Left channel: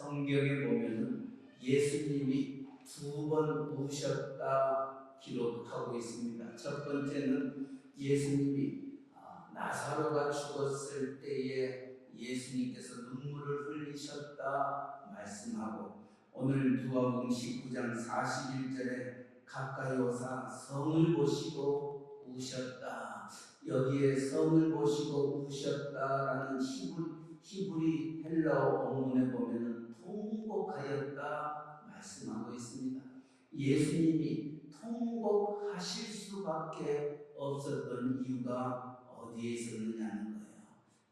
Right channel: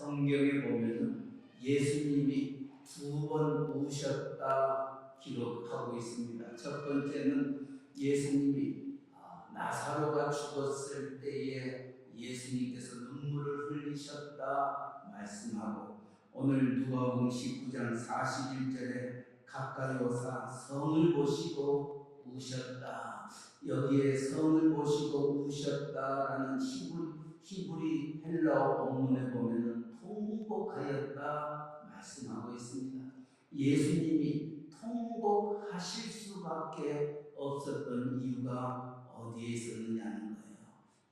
성경에 보면은 예수님이 2번 우셨다 기록하고 있습니다. 첫 번째는 예수님이 나사로가 죽었을 때에 예수님께서 눈물을 흘리셨다 말씀하고, 오늘 누가복음 19장 41절에 가까이 오사 성을 보시고 우셨다, 여기에 성을 보시고 우셨다라는 히브리 헬라어 원문에 보면은 통곡하였다 말씀하고 있습니다. 예수님이 통곡하실 수밖에 없었던 이유가 어디에 있었느냐는 거예요.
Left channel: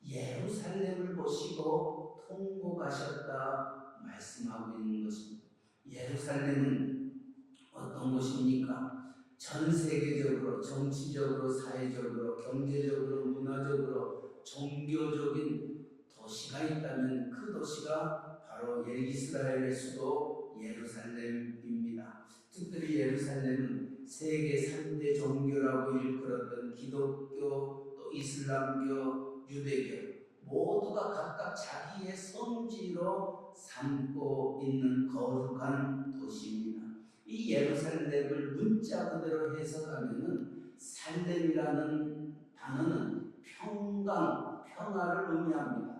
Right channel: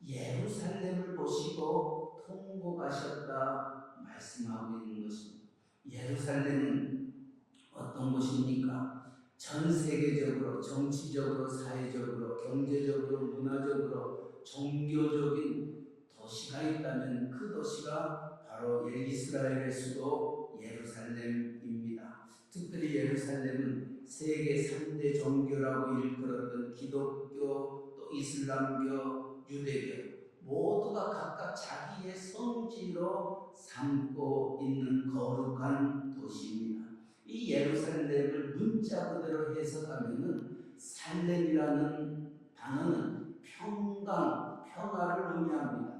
예루살렘을 보시고 통곡하셨다 말씀하고 있는 것입니다. 예루살렘은 어떤 곳입니까? 전 세계적으로, 정치적으로, 사회적으로, 경제적으로, 문화적으로, 종교적인 도시가 있다면 그 도시가 바로 이스라엘의 수도 예루살렘입니다. 특별히 예루살렘은 세계 3대 종교라고 일컬었던 기독교, 또 이슬람교, 유대교 모두가 각각 자기의 성지로 삼고 있는 거룩한 도시입니다. 이 예루살렘을 문자 그대로 해석하면은 살렘이라는 단어는 평강, 평화를 의미합니다.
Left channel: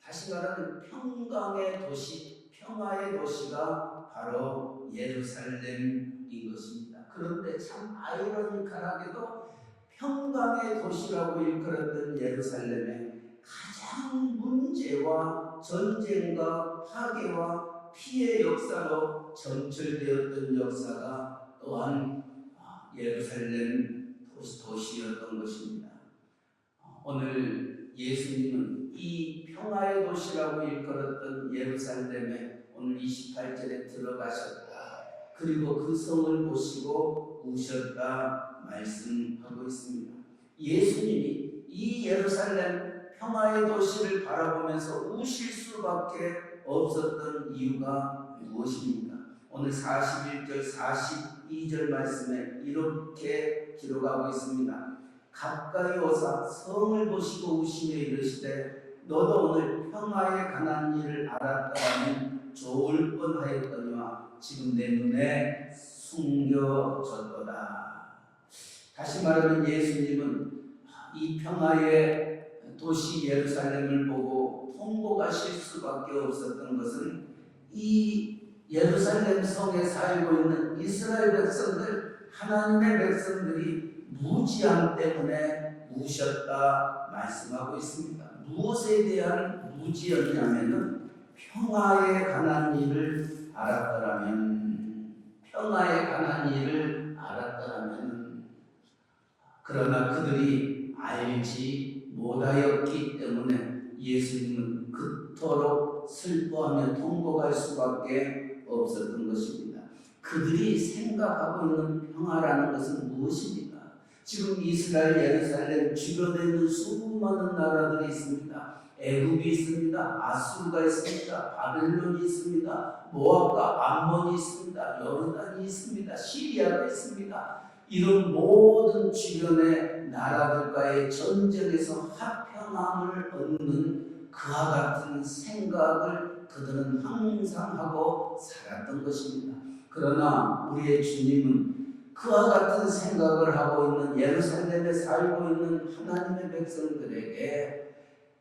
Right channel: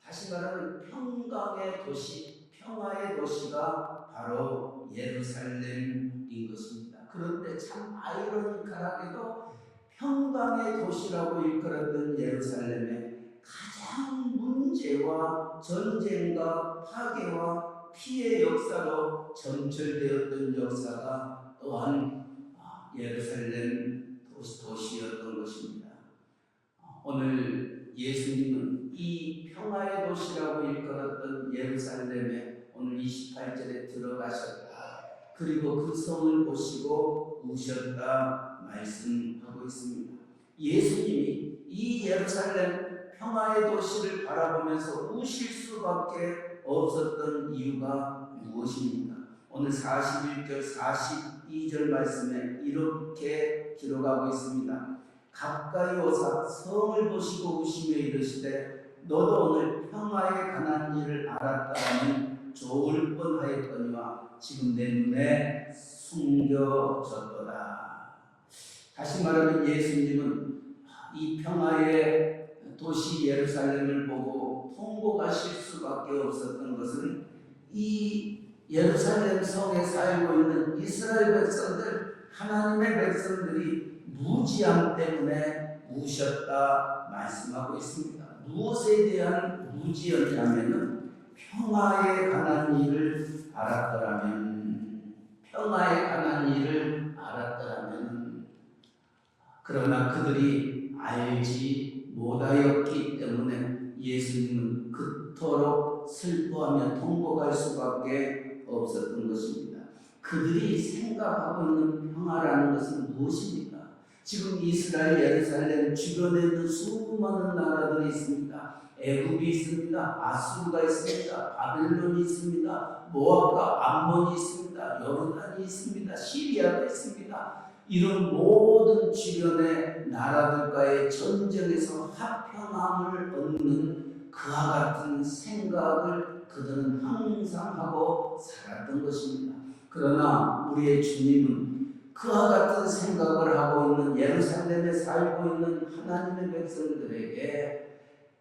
다시 말하면 평강의 도시, 평화의 도시가 바로 예루살렘인 것입니다. 그런데 참 아이러니컬하게도 평강의 도시라고 일컬었던 예루살렘에 가장 문제와 전쟁과 파괴와 피해 역사로 전철되었던 역사가 또한 예루살렘 도시였던 것입니다. 오늘 예수님은 이 평화의 도시라고 일컬었던 예루살렘에 오늘 28절에 들어가셨다, 그리고 그 성을 보시고 우셨다 말씀하고 있습니다. 예수님이 이 예루살렘 평화의 도시를 바라보면서 우실 수밖에 없었던 이유가 무엇입니까? 오늘 41절, 42절 말씀에 이렇게 기록하고 있습니다. 가까이 오사 성을 보시고 우시며 이르시되 너도 오늘 평화에 관한 일을 알았다면 좋을 뻔하였거니와 지금 내 눈에 숨겨졌도다. 다시 말하면 예수님은 이 평화의 도시 예루살렘을 보고 통곡하실 수밖에 없었던 것은 이 예루살렘 성에 살고 있는 이스라엘 백성들, 하나님의 백성들이 무지함 때문에 우셨다 말씀하고 있습니다. 무엇에 대한 무지였냐면은 평화에 관한 일을 알았더라면, 평화에 관한 일을 알았더라면, 그러나 그들이 알지 못하였기 때문에 예수님은 그토록 슬퍼하며 통곡할 수밖에 없었던 것입니다. 그들이 생각하고 있는 평화라는 것은 무엇입니까? 지금 이스라엘 예루살렘 주변에 있는 수많은 나라들이 있습니다. 애굽이 있습니다. 아수르가 있습니다. 바벨론이 있습니다. 모압과 암몬이 있습니다. 요르단이 있습니다. 시리아가 있습니다. 이런 모든 주변의 나라들과의 전쟁에서 화평함을 얻는 그와 같은 생각을 그들은 항상 하고 살았던 것입니다. 그러나 우리의 주님은 그와 같은 생각을 하고 있는 예루살렘에 살고 있는 하나님의 백성들에게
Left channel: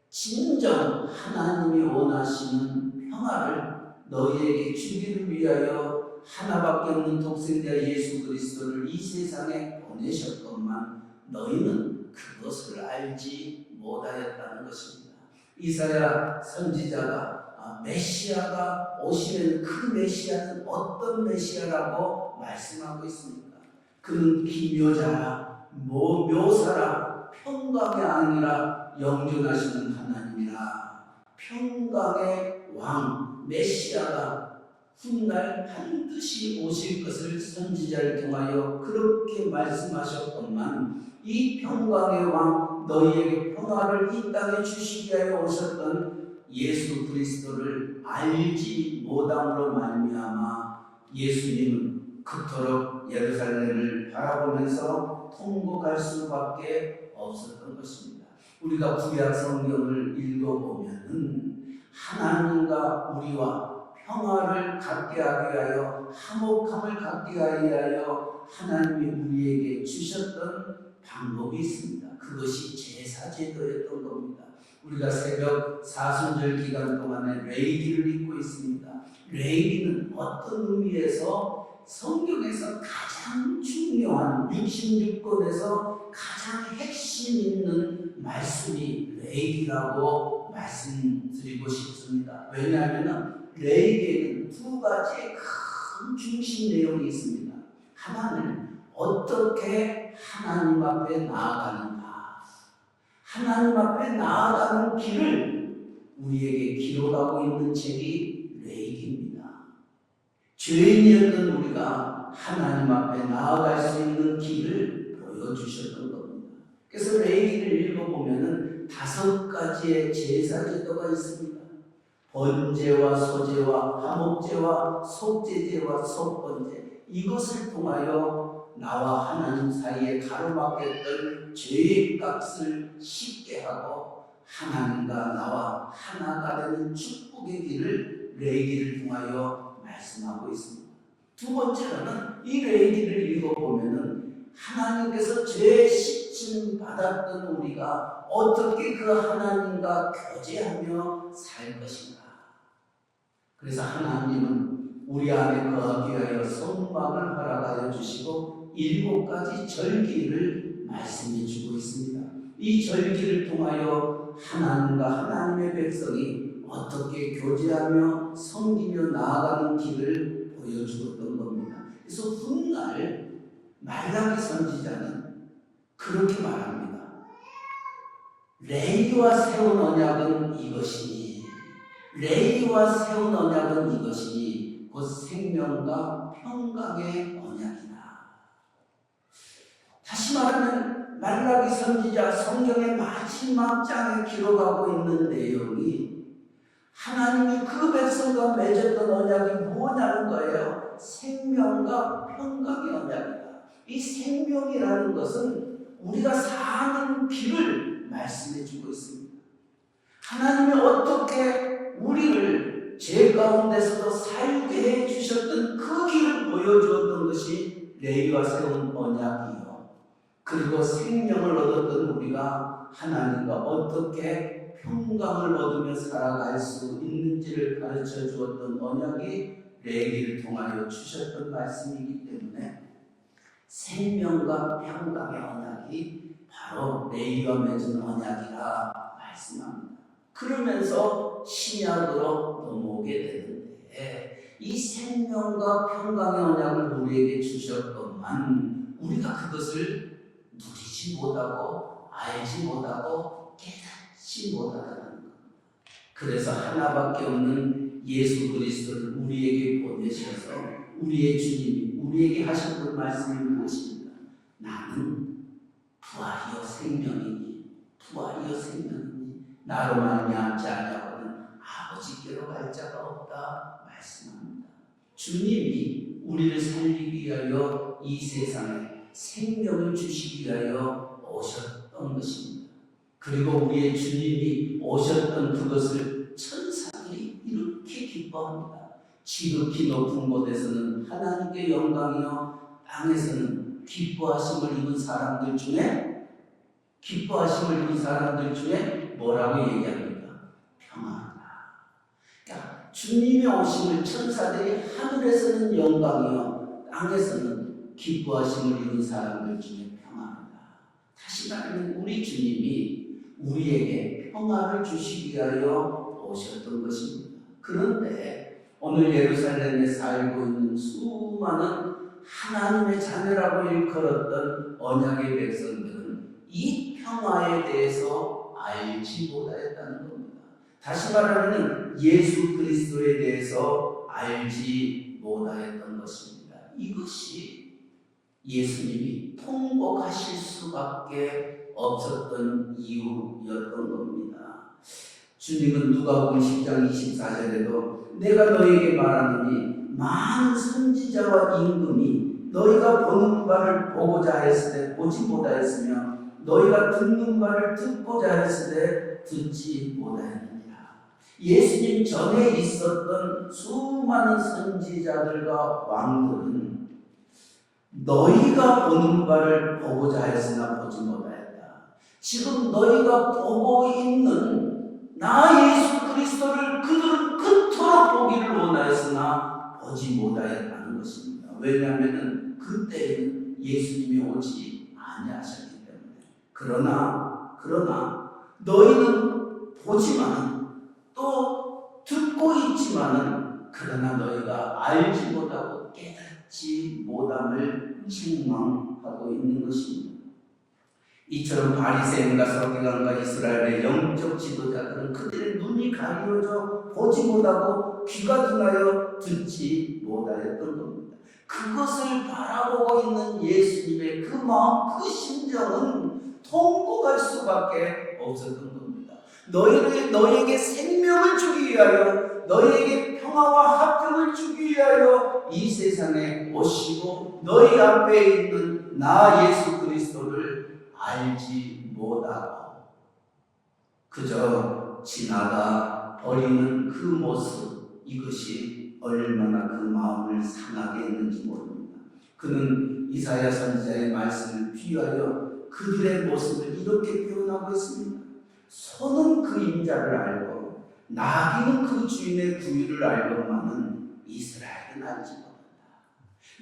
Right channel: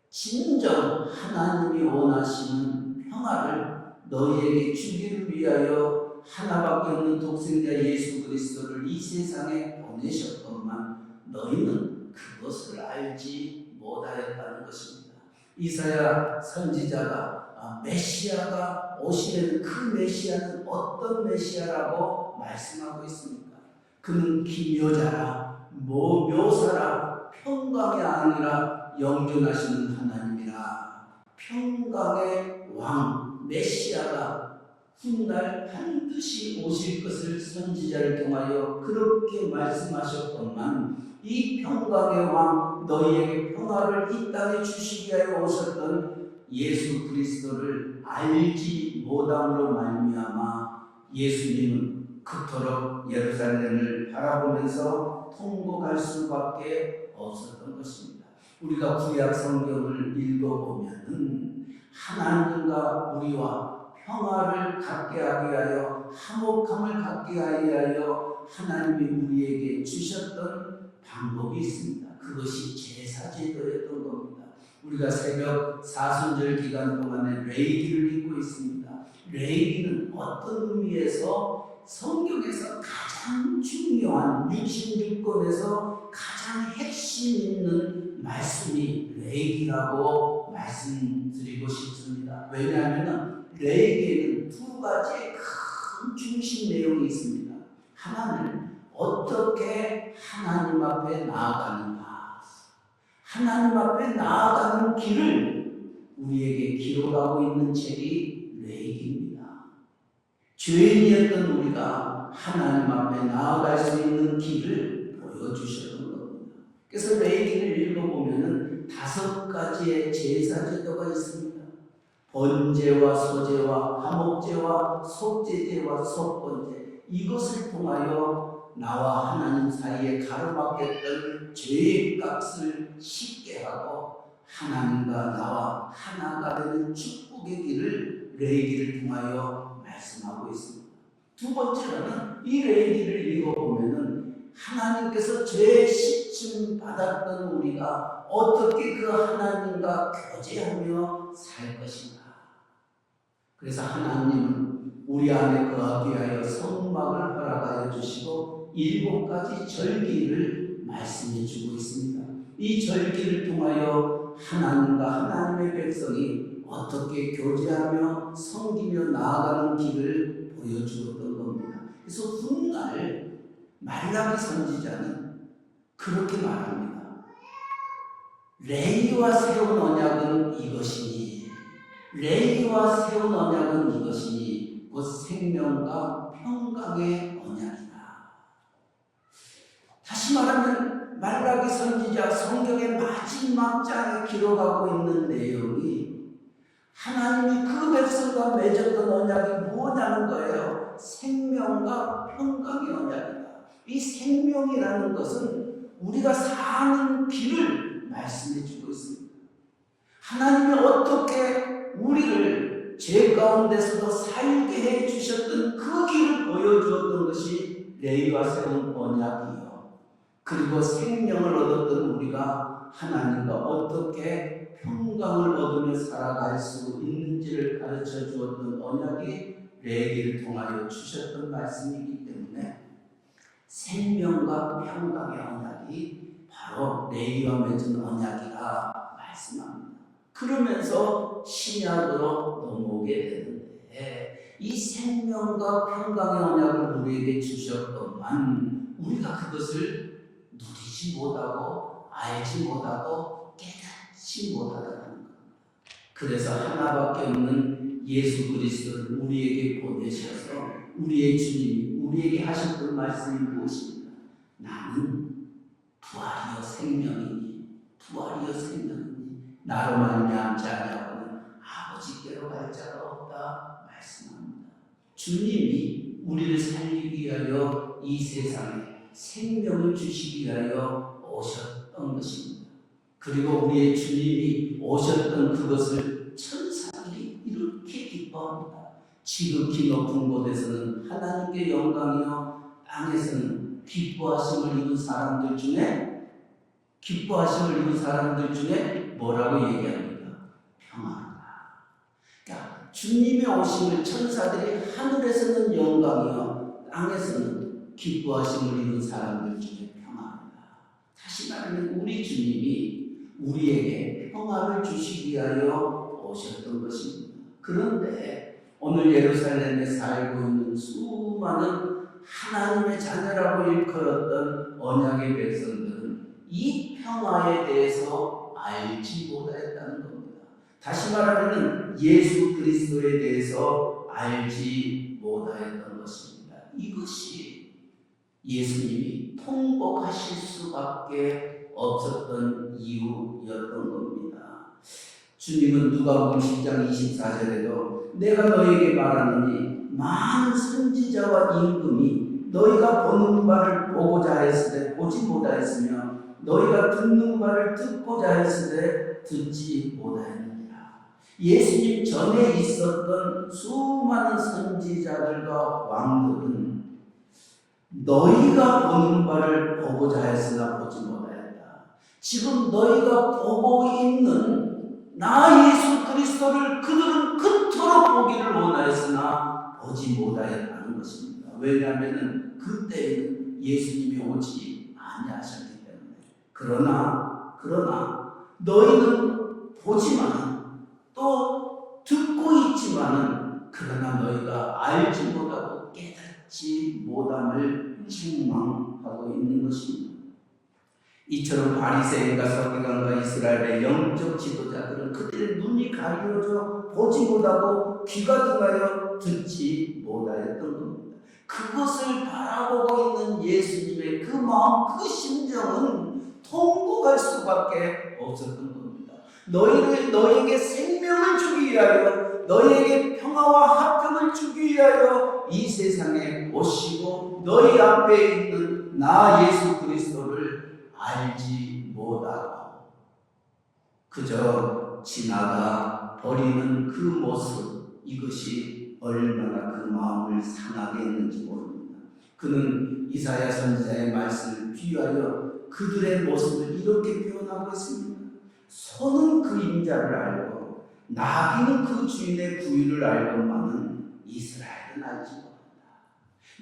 진정 하나님이 원하시는 평화를 너희에게 주기를 위하여 하나밖에 없는 독생자 예수 그리스도를 이 세상에 보내셨건만 너희는 그것을 알지 못하였다는 것입니다. 이사야 선지자가 메시아가 오시는 그 메시아는 어떤 메시아라고 말씀하고 있습니다. 그는 기묘자라, 묘사라, 평강이 아니라 영존하시는 하나님이라. 평강의 왕 메시아가 훗날 반드시 오실 것을 선지자를 통하여 그렇게 말씀하셨건만 이 평강의 왕, 너희에게 평화를 이 땅에 주시기 위하여 오셨던 예수 그리스도를 알지 못함으로 말미암아 예수님은 그토록 예루살렘을 바라보면서 통곡할 수밖에 없었던 것입니다. 우리가 구약 성경을 읽어보면은 하나님과 우리와 평화를 갖게 하기 위하여 화목함을 갖게 하기 위하여 하나님이 우리에게 주셨던 방법이 있습니다. 그것이 제사제도였던 겁니다. 우리가 새벽 사순절 기간 동안에 레이기를 읽고 있습니다. 레이기는 어떤 의미에서 성경에서 가장 중요한 66권에서 가장 핵심 있는 말씀이 레이기라고 말씀드리고 싶습니다. 왜냐하면 레이기에는 두 가지의 큰 중심 내용이 있습니다. 하나는 어떻게 하나님 앞에 나아가는가, 하나님 앞에 나아가는 길을 우리에게 기록하고 있는 책이 레이기입니다. 죄인이었던 우리가 하나님 앞에 나아갈 수 있는 길을 보여주셨던 겁니다. 그래서 레이기를 읽어보면 5가지의 제사제도가 있습니다. 번제와 소제와 화목제와 속제제와 속번제, 이것을 통하여 나와 하나님 사이에 가로막혔던 죄의 값을 쉽게 하고 하나님과 나와 하나가 되는 축복의 길을 레이기를 통하여 말씀하고 있습니다. 두 번째로는 이 레이기를 읽어보면 하나님께서 죄 씻음 받았던 우리가 어떻게 그 하나님과 교제하며 살 것인가. 그래서 하나님은 우리 안에 거하기 위하여 성막을 허락하여 주시고 7가지 절기를 말씀해 주고 있습니다. 이 절기를 통하여 하나님과 하나님의 백성이 어떻게 교제하며 섬기며 나아가는 길을 보여주었던 겁니다. 그래서 훗날 말라기 선지자는 그렇게 말합니다. 레위와 세운 언약은 이것이니, 레위와 세운 언약은 이것이니 곧 생명과 평강의 언약이다. 다시 말하면 말라기 선지자 성경의 마지막 장에 기록하고 있는 내용이 하나님이 그 백성과 맺었던 언약이 뭐냐는 거예요. 생명과 평강의 언약이다. 이 생명이라는 것은 우리가 사는 길을 말씀해 주고 있습니다. 하나님이 어떻게 우리를 죄 가운데서도 살게 해 주셨던 그 길을 보여주었던 것이 레위와 세운 언약이요. 그리고 생명을 얻었던 우리가 하나님과 어떻게 평강을 얻으며 살아갈 수 있는지를 가르쳐 주었던 언약이 레위기를 통하여 주셨던 말씀이기 때문에 생명과 평강의 언약이 바로 레위와 맺은 언약이라 말씀합니다. 그러면서 신약으로 넘어오게 되는데 이 생명과 평강의 언약을 우리에게 주셨건만 우리가 그것을 누리지 못하고 알지 못하고 깨닫지 못하다는 것. 그래서 하나밖에 없는 예수 그리스도를 우리에게 보내셔서 우리의 주님이 우리에게 하셨던 말씀이 무엇입니까? 나는 부활이요 생명이니, 부활이요 생명이니 나로 말미암지 아니하고는 아버지께로 갈 자가 없다 말씀합니다. 주님이 우리를 살리기 위하여 이 세상에 생명을 주시기 위하여 오셨던 것입니다. 그리고 우리의 주님이 오셨던 그것을 천사들이 이렇게 기뻐합니다. 지극히 높은 곳에서는 하나님께 영광이요 땅에서는 기뻐하심을 입은 사람들 중에 뭐라고 얘기합니까? 평안하다. 그러니까 주님의 오심을 천사들이 하늘에서는 영광이요 땅에서는 기뻐하심을 입은 사람들 중에 평안하다. 다시 말하면 우리 주님이 우리에게 평화를 주시기 위하여 오셨던 것입니다. 그런데 오늘 예루살렘에 살고 있는 수많은 하나님의 자녀라고 일컬었던 언약의 백성들은 이 평화에 대해서 알지 못하였다는 겁니다. 다시 말하면 예수 그리스도에 대해서 알지 못하였던 것입니다. 이것이 예수님이 통곡하실 수밖에 없었던 이유였던 겁니다. 주님은 누가복음 10장 24절에도 내가 너에게 말하노니 많은 선지자와 임금이 너희가 보는 바를 보고자 했으되 보지 못하였으며 너희가 듣는 바를 듣고자 했으되 듣지 못하였느니라. 예수님 전에 있었던 수많은 선지자들과 왕들은 너희가 보는 바를 보고자 했으나 보지 못하였다. 지금 너희가 보고 있는 나 예수 그리스도를 그들은 그토록 보기를 원하였으나 보지 못하였다는 것입니다. 왜냐하면 그때에는 예수님이 오지 아니하셨기 때문에. 그러나 너희는 보지만 또 듣고 있지만은 그러나 너희가 알지 못하고 깨닫지 못함을 책망하고 있는 것입니다. 이처럼 바리새인과 서기관과 이스라엘의 영적 지도자들은 그들의 눈이 가려져 보지 못하고 귀가 둔하여 듣지 못하였던 겁니다. 그것을 바라보고 있는 예수님의 그 마음, 그 심정은 통곡할 수밖에 없었던 겁니다. 너희에게 생명을 주기 위하여, 너희에게 평화와 화평을 주기 위하여 이 세상에 오시고 너희 앞에 있는 나 예수 그리스도를 알지 못하고 그저 지나가 버리는 그 모습, 이것이 얼마나 그 마음을 상하게 했는지 모릅니다. 그는 이사야 선지자의 말씀을 비유하여 그들의 모습을 이렇게 표현하고 있습니다. 소는 그 인자를 알고 나귀는 그 주인의 구유를 알고만은 이스라엘은 알지 못한다.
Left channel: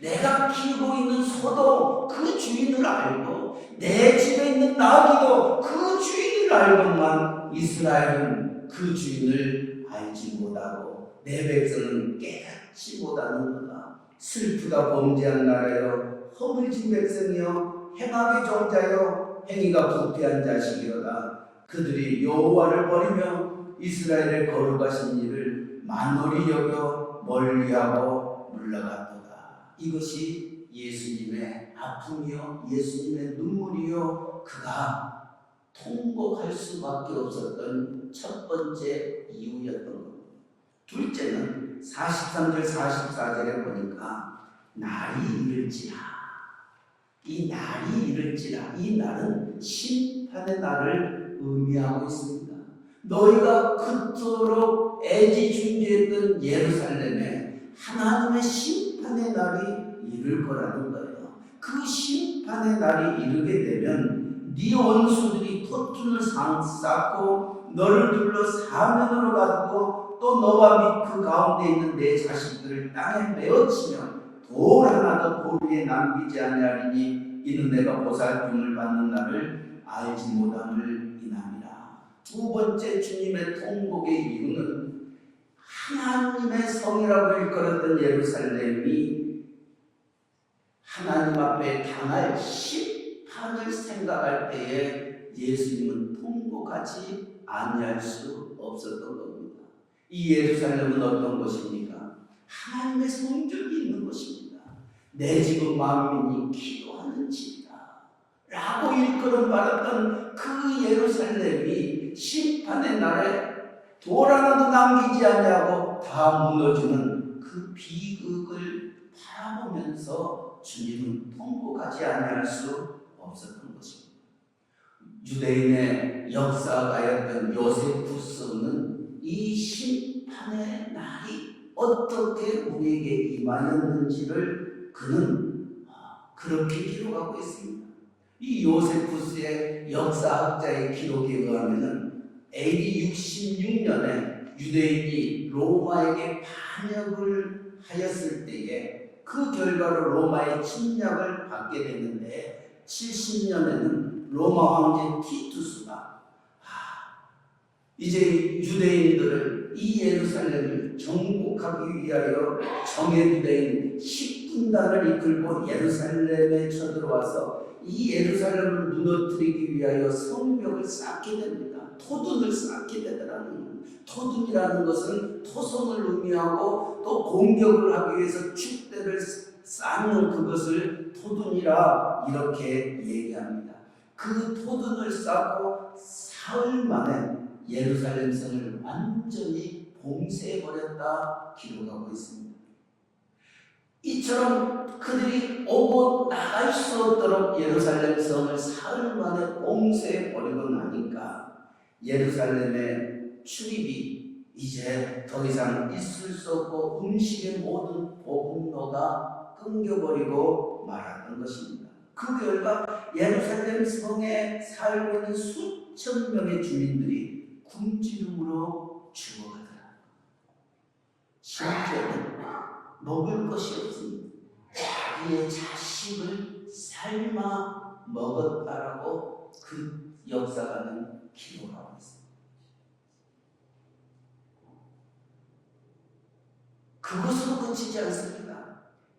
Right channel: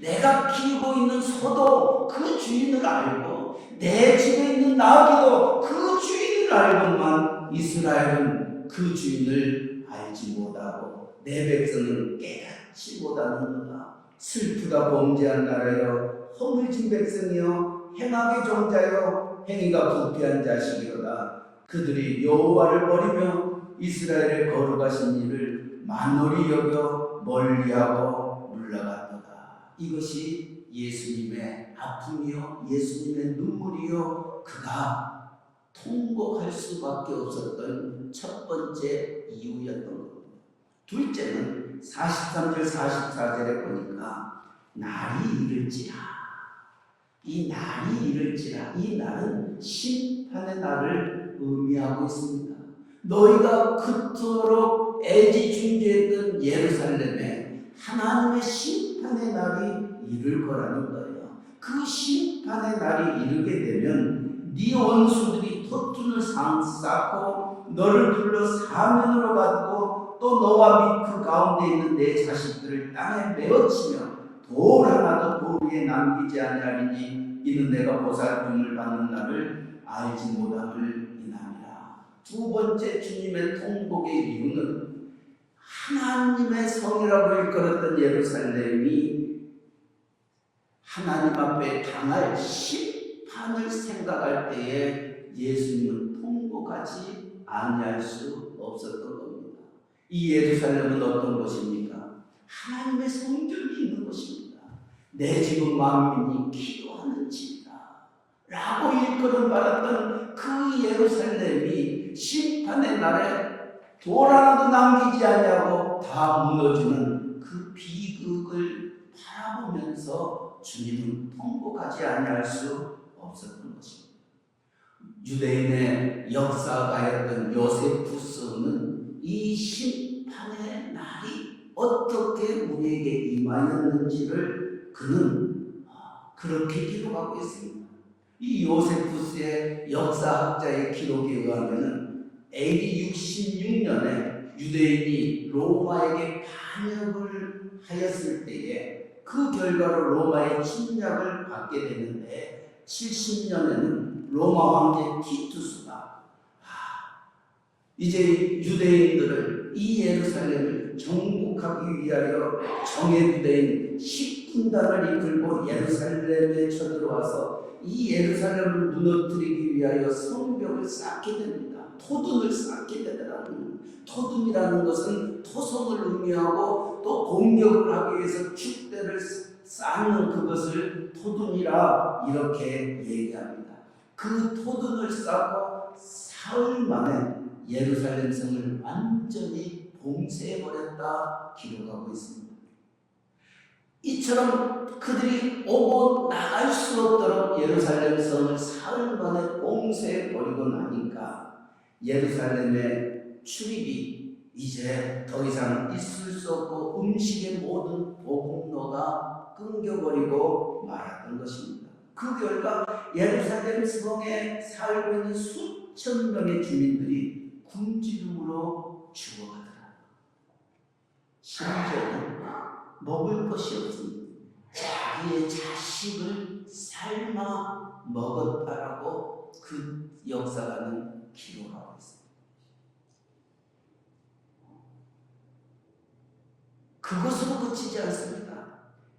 내가 키우고 있는 소도 그 주인을 알고 내 집에 있는 나귀도 그 주인을 알고만 이스라엘은 그 주인을 알지 못하고 내 백성은 깨닫지 못하는도다. 슬프다 범죄한 나라여, 허물진 백성이여, 행악의 종자여, 행위가 부패한 자식이로다. 그들이 여호와를 버리며 이스라엘의 거룩하신 일을 만홀히 여겨 멀리하고 물러갔도다. 이것이 예수님의 아픔이요, 예수님의 눈물이요, 그가 통곡할 수밖에 없었던 첫 번째 이유였던 겁니다. 둘째는 43절 44절에 보니까 날이 이를지라, 이 날이 이를지라, 이 날은 심판의 날을 의미하고 있습니다. 너희가 그토록 애지중지했던 예루살렘에 하나님의 심판의 날이 이를 거라는 거예요. 그 심판의 날이 이르게 되면 네 원수들이 토tun을 쌓고 너를 둘러 사면으로 가두고 또 너와 및 그 가운데 있는 내 자식들을 땅에 내어치며 돌 하나도 돌 위에 남기지 아니하리니 이는 내가 보살핌을 받는 날을 알지 못함을 인함이라. 두 번째 주님의 통곡의 이유는 하나님의 성이라고 일컬었던 예루살렘이 하나님 앞에 당할 심판을 생각할 때에 예수님은 통곡하지 아니할 수 없었던 겁니다. 이 예루살렘은 어떤 것입니까? 하나님의 성전이 있는 것입니다. 내 집은 만민이 기도하는 집이다 라고 일컬음 받았던 그 예루살렘이 심판의 날에 돌 하나도 남기지 아니하고 다 무너지는 그 비극을 바라보면서 주님은 통곡하지 아니할 수 없었던 것입니다. 유대인의 역사가였던 요세푸스는 이 심판의 날이 어떻게 우리에게 임하였는지를 그는 그렇게 기록하고 있습니다. 이 요세푸스의 역사학자의 기록에 의하면 AD 66년에 유대인이 로마에게 반역을 하였을 때에 그 결과로 로마의 침략을 받게 되는데 70년에는 로마 황제 티투스가 이제 유대인들을 이 예루살렘을 정복하기 위하여 정예부대인 10군단을 이끌고 예루살렘에 쳐들어와서 이 예루살렘을 무너뜨리기 위하여 성벽을 쌓게 됩니다. 토둔을 쌓게 되더라고요. 토둔이라는 것은 토성을 의미하고 또 공격을 하기 위해서 축대를 쌓는 그것을 토둔이라 이렇게 얘기합니다. 그 토둔을 쌓고 사흘 만에 예루살렘 성을 완전히 봉쇄해버렸다 기록하고 있습니다. 이처럼 그들이 오고 나갈 수 없도록 예루살렘 성을 사흘 만에 봉쇄해버리고 나니까 예루살렘의 출입이 이제 더 이상 있을 수 없고 음식의 모든 복음로가 끊겨버리고 말았던 것입니다. 그 결과 예루살렘 성에 살고 있는 수천 명의 주민들이 굶주림으로 죽어가더라. 심지어는 먹을 것이 없으니 자기의 자식을 삶아 먹었다라고 그 역사가는 기록하고 있습니다. 그것으로 그치지 않습니다.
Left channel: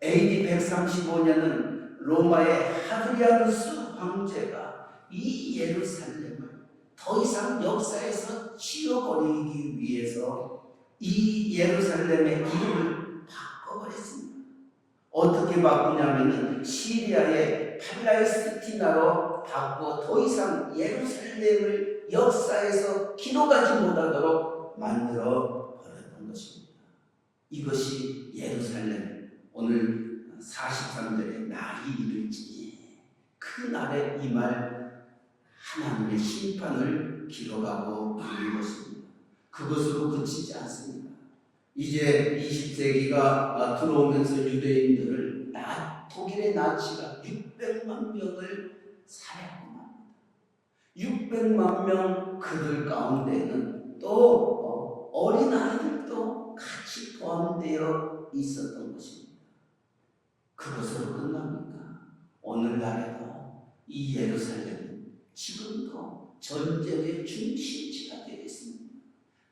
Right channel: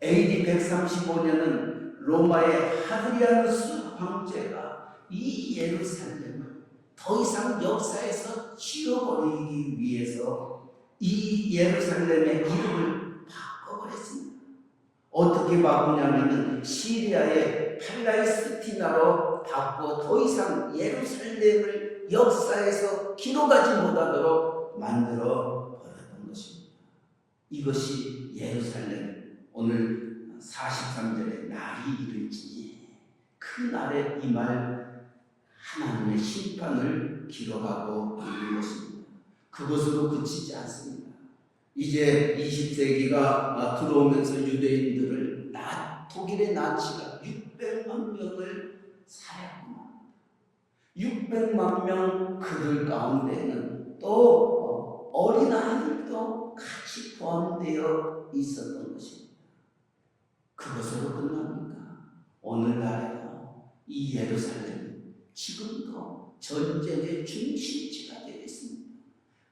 AD 135년은 로마의 하드리아누스 황제가 이 예루살렘을 더 이상 역사에서 치워버리기 위해서 이 예루살렘의 이름을 바꿔버렸습니다. 어떻게 바꾸냐면 시리아의 팔레스티나로 바꿔 더 이상 예루살렘을 역사에서 기록하지 못하도록 만들어 버렸던 것입니다. 이것이 예루살렘 오늘 43절에 날이 이를지니 그 날에 임할 하나님의 심판을 기록하고 있는 것입니다. 그것으로 그치지 않습니다. 이제 20세기가 들어오면서 유대인들을 독일의 나치가 600만 명을 살해합니다. 600만 명 그들 가운데는 또 어린아이들도 같이 포함되어 있었던 것입니다. 그것으로 끝납니까? 오늘날에도 이 예루살렘은 지금도 전쟁의 중심지가 되겠습니다.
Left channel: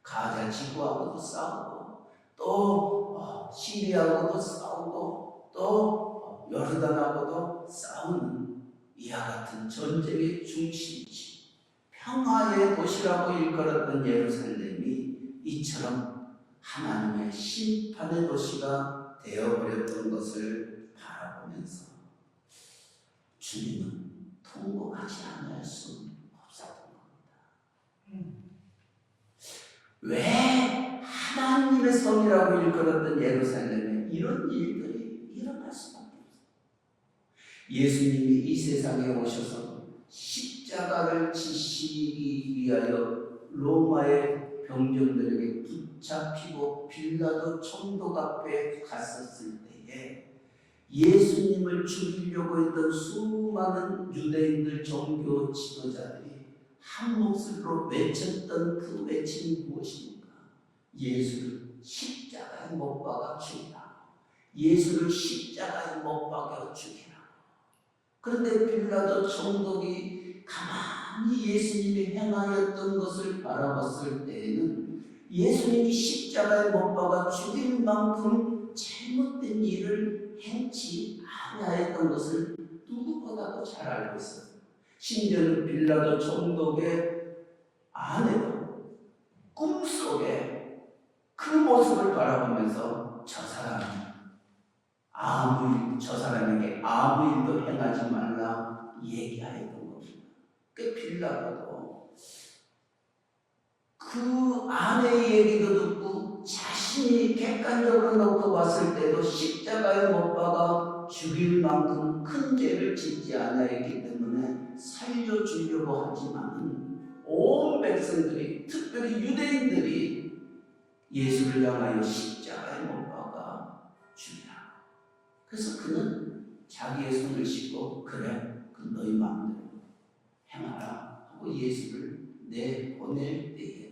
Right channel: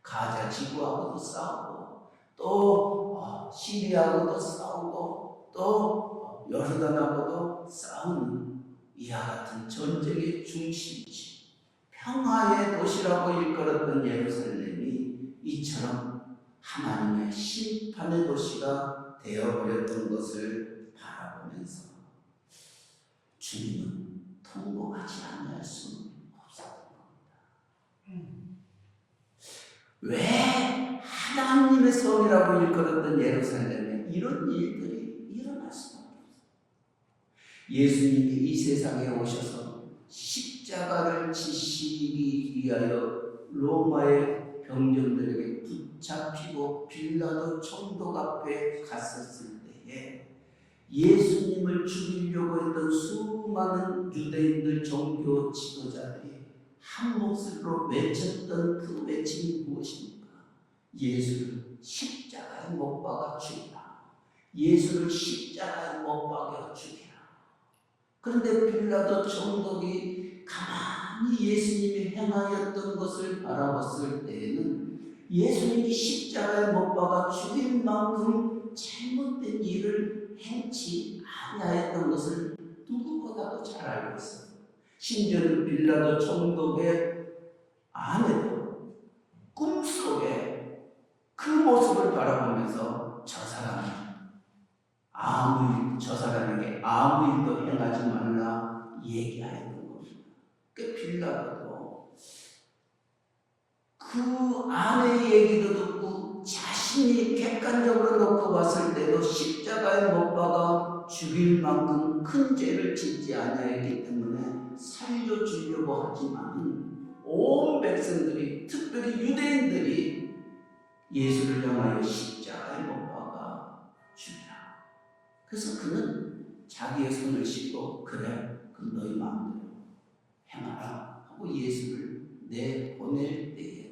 가자 지구하고도 싸우고 또 시리아하고도 싸우고 또 요르단하고도 싸우는 이와 같은 전쟁의 중심지, 평화의 도시라고 일컬었던 예루살렘이 이처럼 하나님의 심판의 도시가 되어버렸던 것을 바라보면서 주님은 통곡하지 않을 수 없었던 겁니다. 왜 하나님의 성이라고 일컬었던 예루살렘에 이런 일들이 일어날 수밖에 없어요. 예수님이 이 세상에 오셔서 십자가를 지시기 위하여 로마의 병정들에게 붙잡히고 빌라도 총독 앞에 갔었을 때에 예수님을 죽이려고 했던 수많은 유대인들 종교 지도자들이 한 목소리로 외쳤던 그 외침이 무엇입니까? 예수를 십자가에 못 박아 죽이라. 예수를 십자가에 못 박아 죽이라. 그런데 빌라도 총독이 가만히 예수님이 행하였던 것을 바라봤을 때에는 예수님이 십자가에 못 박아 죽일 만큼 잘못된 일을 행치 아니하였던 것을 누구보다도 잘 알고 있어요. 심지어는 빌라도 총독의 아내도 꿈속에 그 모습을 바라보면서 저 사람에게 아무 일도 행하지 말라 얘기하였던 겁니다. 그 빌라도도 그 아내의 얘기도 듣고 자신이 객관적으로 놓고 봤을 때도 십자가에 못 박아 죽일 만큼 큰 죄를 짓지 아니하였기 때문에 살려주려고 하지만 온 백성들이 특별히 유대인들이 예수를 향하여 십자가에 못 박아 죽이라. 그래서 그는 자기의 손을 씻고 그래 그 너희 마음대로 행하라 하고 예수를 내보낼 때에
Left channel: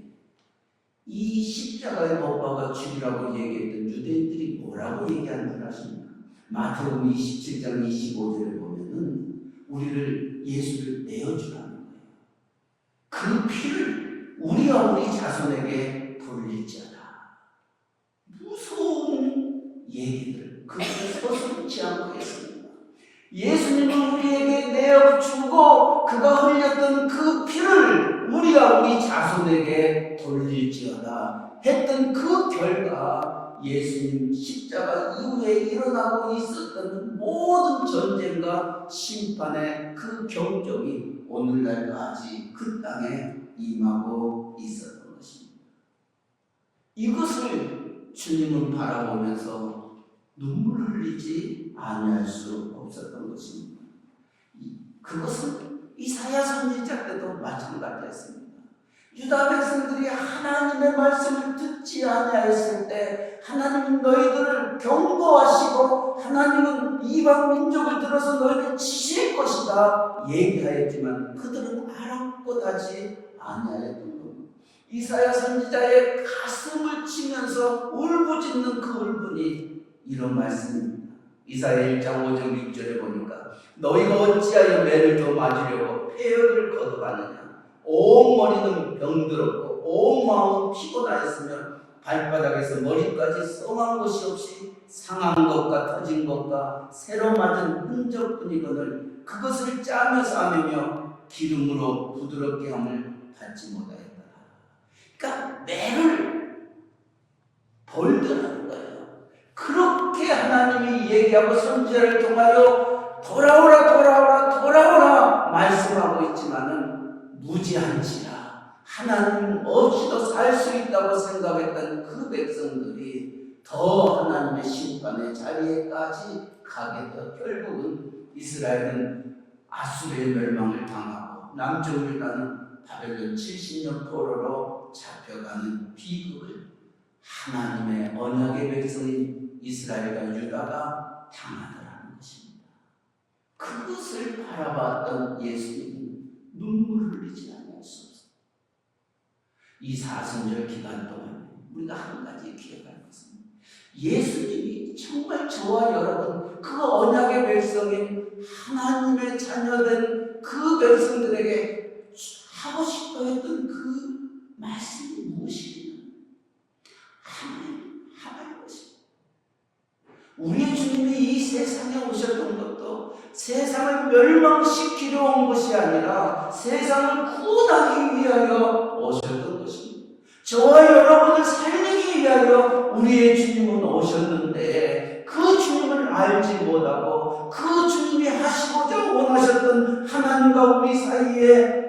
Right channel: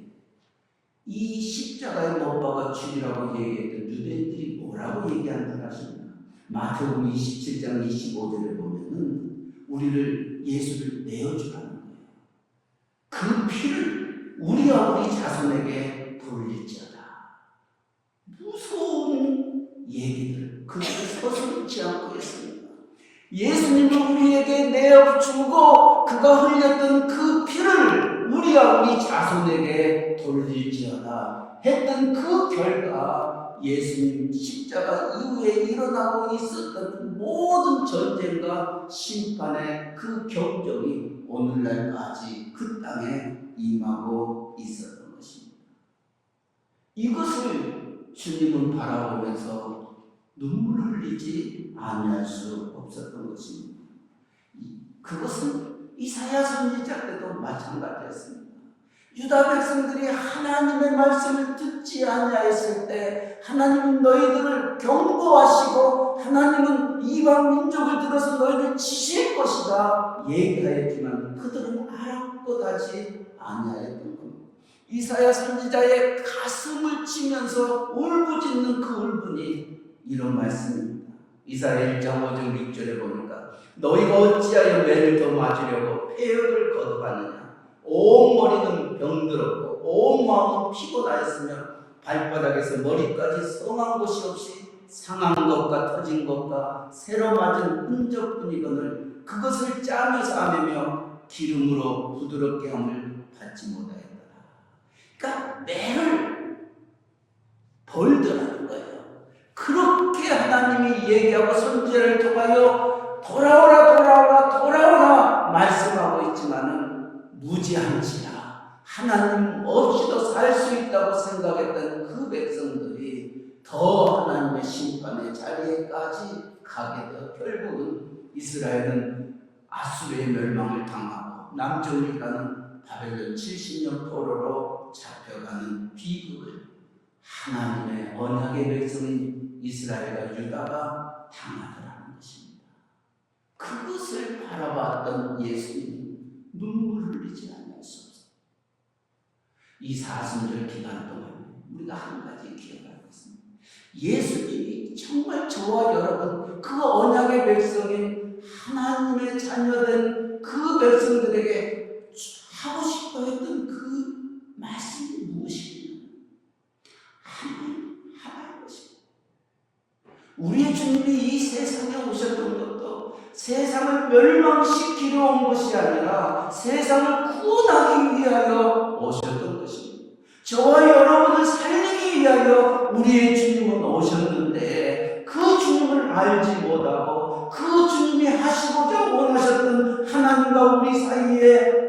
이 십자가에 못 박아 죽이라고 얘기했던 유대인들이 뭐라고 얘기하는 줄 아십니까? 마태복음 27장 25절에 보면은 우리를 예수를 내어주라는 거예요. 그 피를 우리와 우리 자손에게 돌릴지어다. 무서운 얘기들 그것을 서슴지 않고 했습니다. 예수님은 우리에게 내어주고 그가 흘렸던 그 피를 우리와 우리 자손에게 돌릴지어다 했던 그 결과 예수님 십자가 이후에 일어나고 있었던 모든 전쟁과 심판의 그 경종이 오늘날까지 그 땅에 임하고 있었던 것입니다. 이것을 주님은 바라보면서 눈물을 흘리지 아니할 수 없었던 것입니다. 그것은 이사야 선지자 때도 마찬가지였습니다. 유다 백성들이 하나님의 말씀을 듣지 아니하였을 때 하나님은 너희들을 경고하시고 하나님은 이방 민족을 들어서 너희를 치실 것이다 얘기하였지만 그들은 아랑곳하지 아니하였던 겁니다. 이사야 선지자의 가슴을 치면서 울부짖는 그 울분이 이런 말씀입니다. 이사야 1장 5절 6절에 보니까 너희가 어찌하여 매를 더 맞으려고 폐역을 거듭하느냐. 온 머리는 병들었고 온 마음은 피곤하였으며 발바닥에서 머리까지 썩은 것이 없이 상한 것과 터진 것과 새로 맞은 흔적뿐이거늘 그것을 짜며 싸매며 기름으로 부드럽게 함을 받지 못하였다. 그러니까 매를 벌더라는 거예요. 그렇게 하나님이 얘기하고 선지자를 통하여 돌아오라 돌아오라 돌아오라 말씀하고 있지만은 무지한지라 하나님 없이도 살 수 있다고 생각했던 그 백성들이 더 하나님의 심판의 자리에까지 가게 되어 결국은 이스라엘은 아수르의 멸망을 당하고 남쪽을 가는 바벨론 70년 포로로 잡혀가는 비극을 하나님의 언약의 백성인 이스라엘과 유다가 당하더라는 것입니다. 그것을 바라봤던 예수님이 눈물을 흘리지 않을 수 없어요. 이 사순절 기간 동안 우리가 한 가지 기억할 것은 예수님이 정말 저와 여러분 그 언약의 백성인 하나님의 자녀된 그 백성들에게 하고 싶어 했던 그 말씀이 무엇입니까? 하나님 것입니다. 우리의 주님이 이 세상에 오셨던 것도 세상을 멸망시키려 온 것이 아니라 세상을 구원하기 위하여 오셨던 것입니다. 저와 여러분을 살리기 위하여 우리의 주님은 오셨는데 그 주님을 알지 못하고 그 주님이 하시고자 원하셨던 하나님과 우리 사이에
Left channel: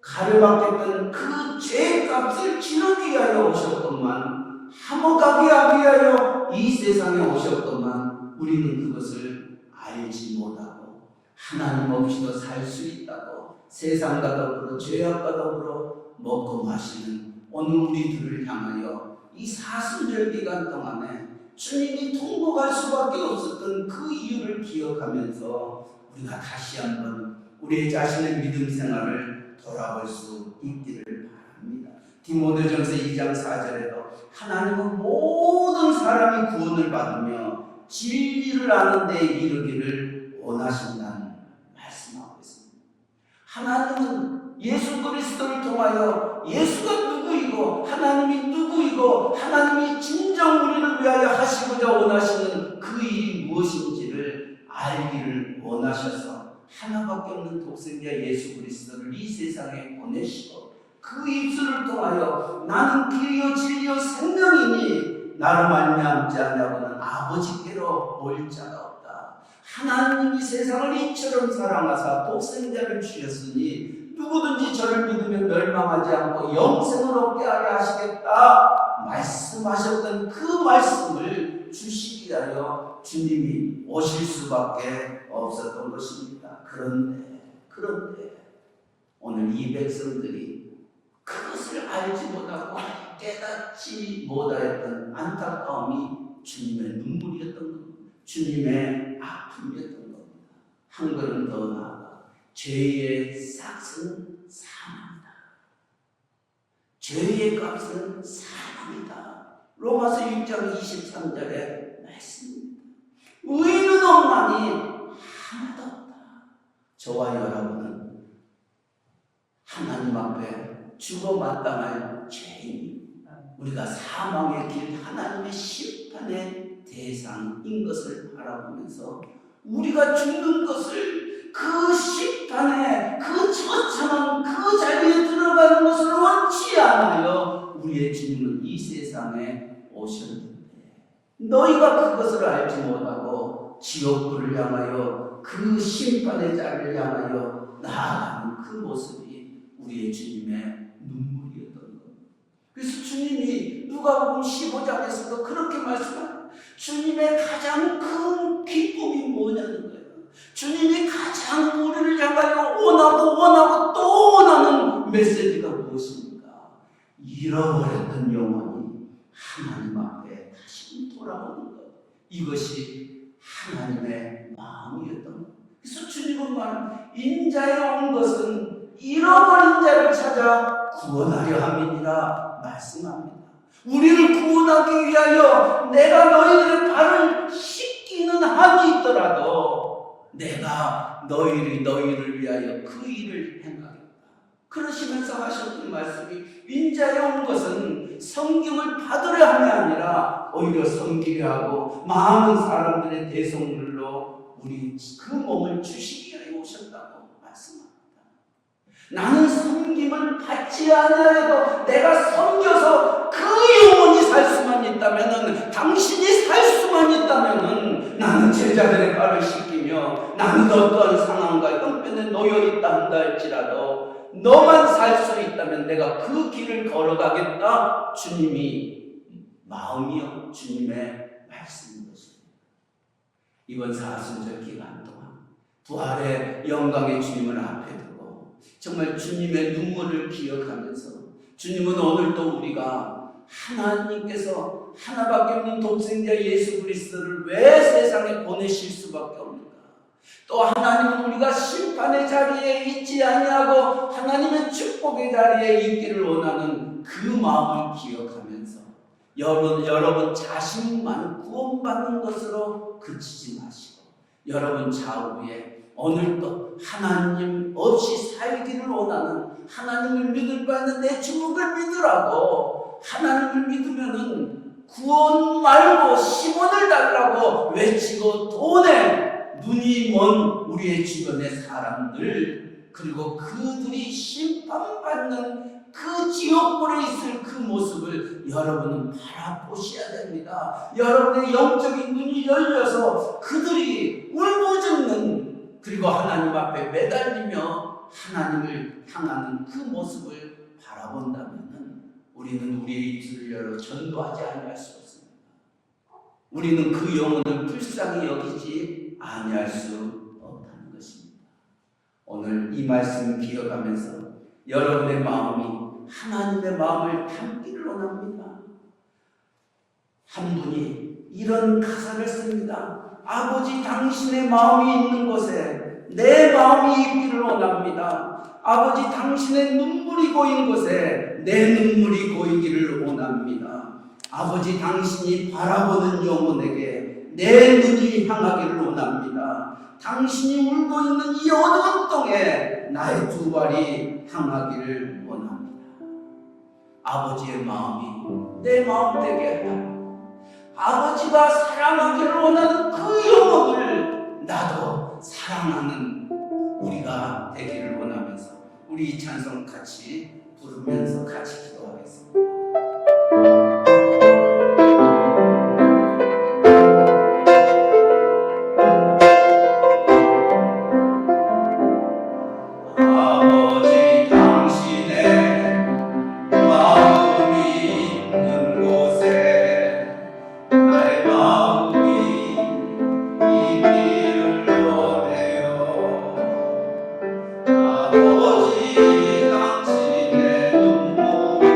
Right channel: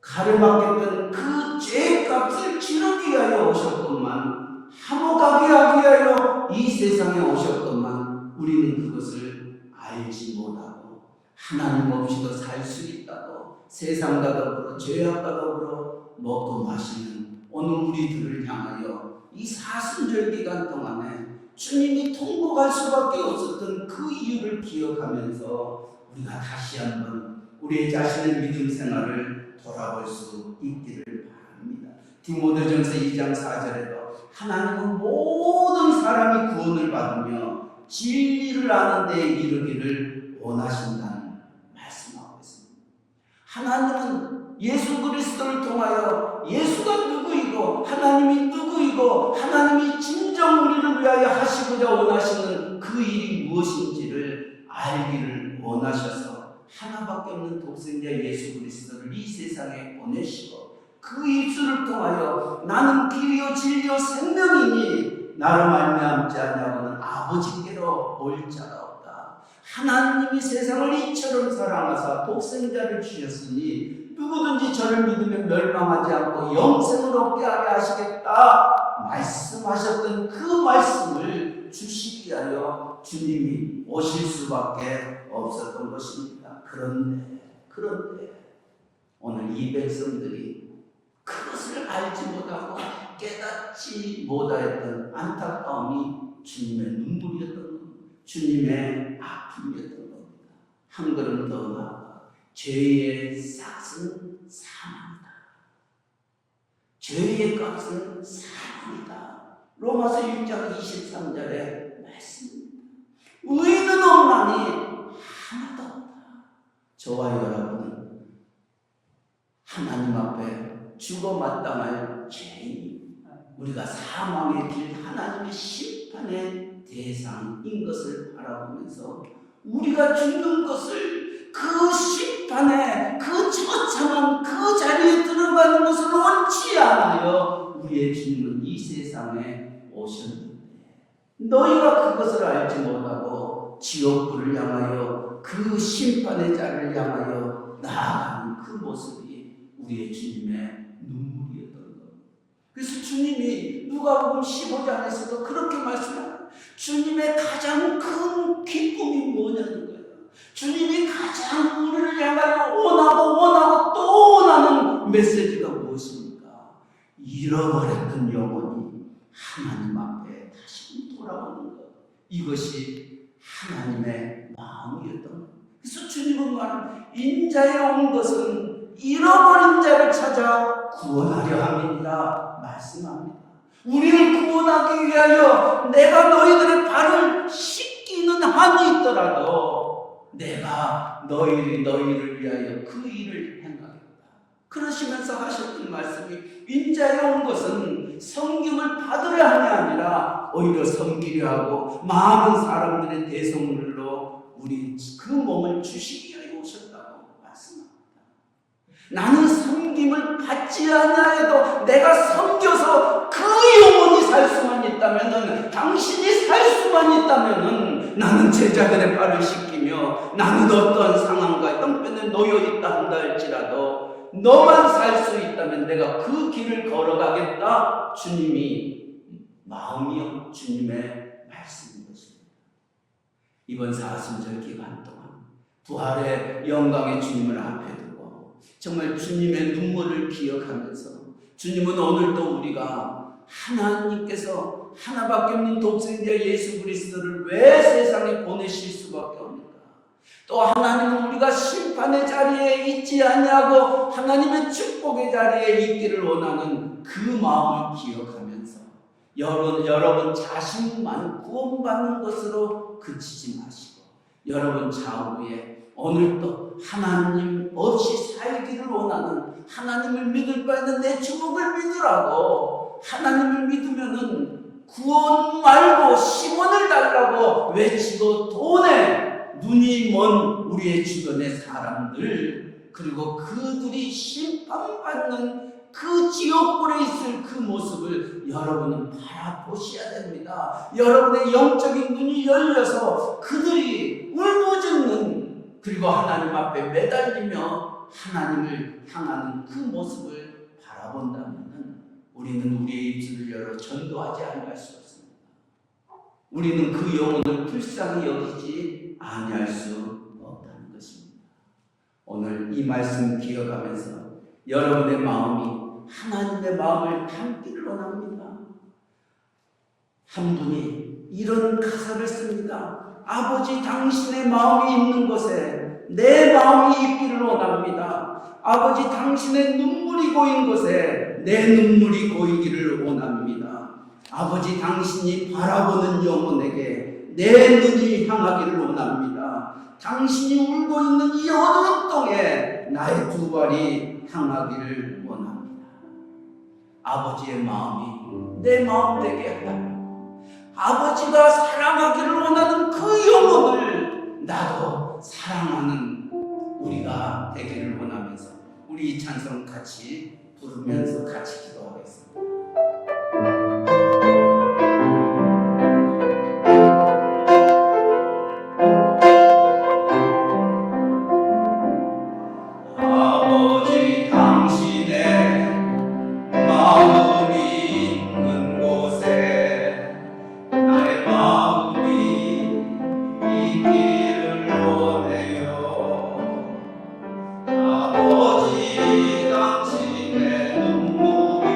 가려막혔던 그 죄값을 치르기 위하여 오셨건만 화목하게 하기 위하여 이 세상에 오셨건만 우리는 그것을 알지 못하고 하나님 없이도 살 수 있다고 세상과 더불어 죄악과 더불어 먹고 마시는 오늘 우리들을 향하여 이 사순절 기간 동안에 주님이 통곡할 수밖에 없었던 그 이유를 기억하면서 우리가 다시 한번 우리 자신의 믿음 생활을 돌아볼 수 있기를 바랍니다. 디모데전서 2장 4절에도 하나님은 모든 사람이 구원을 받으며 진리를 아는 데 이르기를 원하신다는 말씀하고 있습니다. 하나님은 예수 그리스도를 통하여 예수가 누구이고 하나님이 누구이고 하나님이 진정 우리를 위하여 하시고자 원하시는 그 일이 무엇인지를 알기를 원하셔서 하나밖에 없는 독생자 예수 그리스도를 이 세상에 보내시고 그 입술을 통하여 나는 길이요 진리요 생명이니 나로 말미암지 아니하고는 아버지께로 올 자가 없다. 하나님이 세상을 이처럼 사랑하사 독생자를 주셨으니 누구든지 저를 믿으면 멸망하지 않고 영생을 얻게 하려 하시겠다 말씀하셨던 그 말씀을 주시기 위하여 주님이 오실 수밖에 없었던 것입니다. 그런데 오늘 이 백성들이 그것을 알지 못하고 깨닫지 못하였던 안타까움이 주님의 눈물이었던 겁니다. 주님의 아픔이었던 겁니다. 한 걸음 더 나아가 죄의 싹은 사망이다. 죄의 값은 사망이다. 로마서 6장 23절의 말씀입니다. 의인은 없나니 하나도 없다. 저와 여러분은 하나님 앞에 죽어 마땅할 죄인입니다. 우리가 사망의 길 하나님의 심판의 대상인 것을 바라보면서 우리가 죽는 것을 그 심판에 그 처참한 그 자리에 들어가는 것을 원치 않아요. 우리의 주님은 이 세상에 오셨는데 너희가 그것을 알지 못하고 지옥불을 향하여 그 심판의 자리를 향하여 나아가는 그 모습이 우리의 주님의 눈물이었던 겁니다. 그래서 주님이 누가복음 15장에서도 그렇게 말씀합니다. 주님의 가장 큰 기쁨이 뭐냐는 거예요. 주님이 가장 우리를 향하여 원하고 또 원하는 메시지가 무엇입니까? 잃어버렸던 영혼이 하나님 앞에 다시 돌아오는 것, 이것이 하나님의 마음이었던 것. 그래서 주님은 말은 인자에 온 것은 잃어버린 자를 찾아 구원하려 함이니라 말씀합니다. 우리를 구원하기 위하여 내가 너희들의 발을 씻기는 한이 있더라도 내가 너희를 위하여 그 일을 행하겠다. 그러시면서 하셨던 말씀이 인자에 온 것은 섬김을 받으려 함이 아니라 오히려 섬기려 하고 많은 사람들의 대성물로 우리 그 몸을 주시기 위해 오셨다고 말씀합니다. 나는 섬김을 받지 아니하여도 내가 섬겨서 그 영혼이 살 수만 있다면은, 당신이 살 수만 있다면은 나는 제자들의 발을 씻기며 나는 어떠한 상황과 형편에 놓여 있다 한다 할지라도 너만 살 수 있다면 내가 그 길을 걸어가겠다. 주님이 마음이요 주님의 말씀인 것입니다. 이번 사순절 기간 동안 부활의 영광의 주님을 앞에 두고 정말 주님의 눈물을 기억하면서, 주님은 오늘도 우리가 하나님께서 하나밖에 없는 독생자 예수 그리스도를 왜 세상에 보내실 수밖에 없는가, 또 하나님은 우리가 심판의 자리에 있지 아니하고 하나님의 축복의 자리에 있기를 원하는 그 마음을 기억하면서 여러분 자신만 구원받는 것으로 그치지 마시고 여러분 좌우에 오늘도 하나님 없이 살기를 원하는, 하나님을 믿을 바에는 내 주목을 믿으라고, 하나님을 믿으면은 구원 말고 10원을 달라고 외치고 돈에 눈이 먼 우리의 주변의 사람들, 그리고 그들이 심판받는 그 지옥불에 있을 그 모습을 여러분은 바라보셔야 됩니다. 여러분의 영적인 눈이 열려서 그들이 울부짖는, 그리고 하나님 앞에 매달리며 하나님을 향하는 그 모습을 바라본다면 우리는 우리의 입술을 열어 전도하지 않을 수 없습니다. 우리는 그 영혼을 불쌍히 여기지 아니할 수 없다는 것입니다. 오늘 이 말씀 기억하면서 여러분의 마음이 하나님의 마음을 담기를 원합니다. 한 분이 이런 가사를 씁니다. 아버지 당신의 마음이 있는 곳에 내 마음이 있기를 원합니다. 아버지 당신의 눈물이 고인 곳에 내 눈물이 고이기를 원합니다. 아버지 당신이 바라보는 영혼에게 내 눈이 향하기를 원합니다. 당신이 울고 있는 이 어두운 땅에 나의 두 발이 향하기를 원합니다. 아버지의 마음이 내 마음 되게 하라. 아버지가 사랑하기를 원하는 그 영혼을 나도 사랑하는 우리가 되기를 원하면서 우리 이 찬송 같이 부르면서 같이 기도하겠습니다. 아버지 당신의 눈물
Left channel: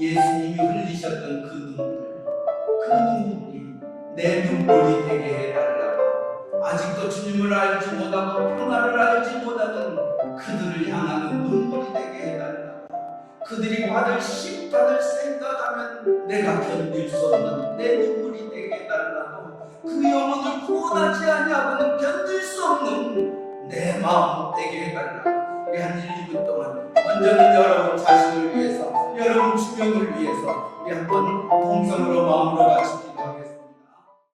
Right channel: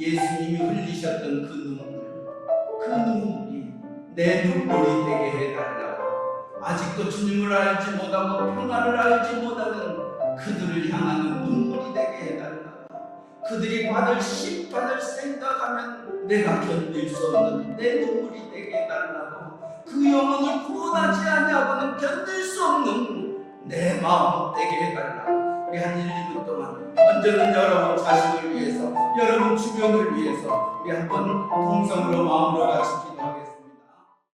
예수님이 흘리셨던 그 눈물이 내 눈물이 되게 해달라고, 아직도 주님을 알지 못하고 평화를 알지 못하는 그들을 향하는 눈물이 되게 해달라고, 그들이 받을 심판을 생각하면 내가 견딜 수 없는 내 눈물이 되게 해달라고, 그 영혼을 구원하지 아니하고는 견딜 수 없는 내 마음 되게 해달라고. 우리 한 1, 2분 동안 먼저는 여러분 자신을 위해서, 여러분 주변을 위해서 우리 한번 동성으로 마음으로 같이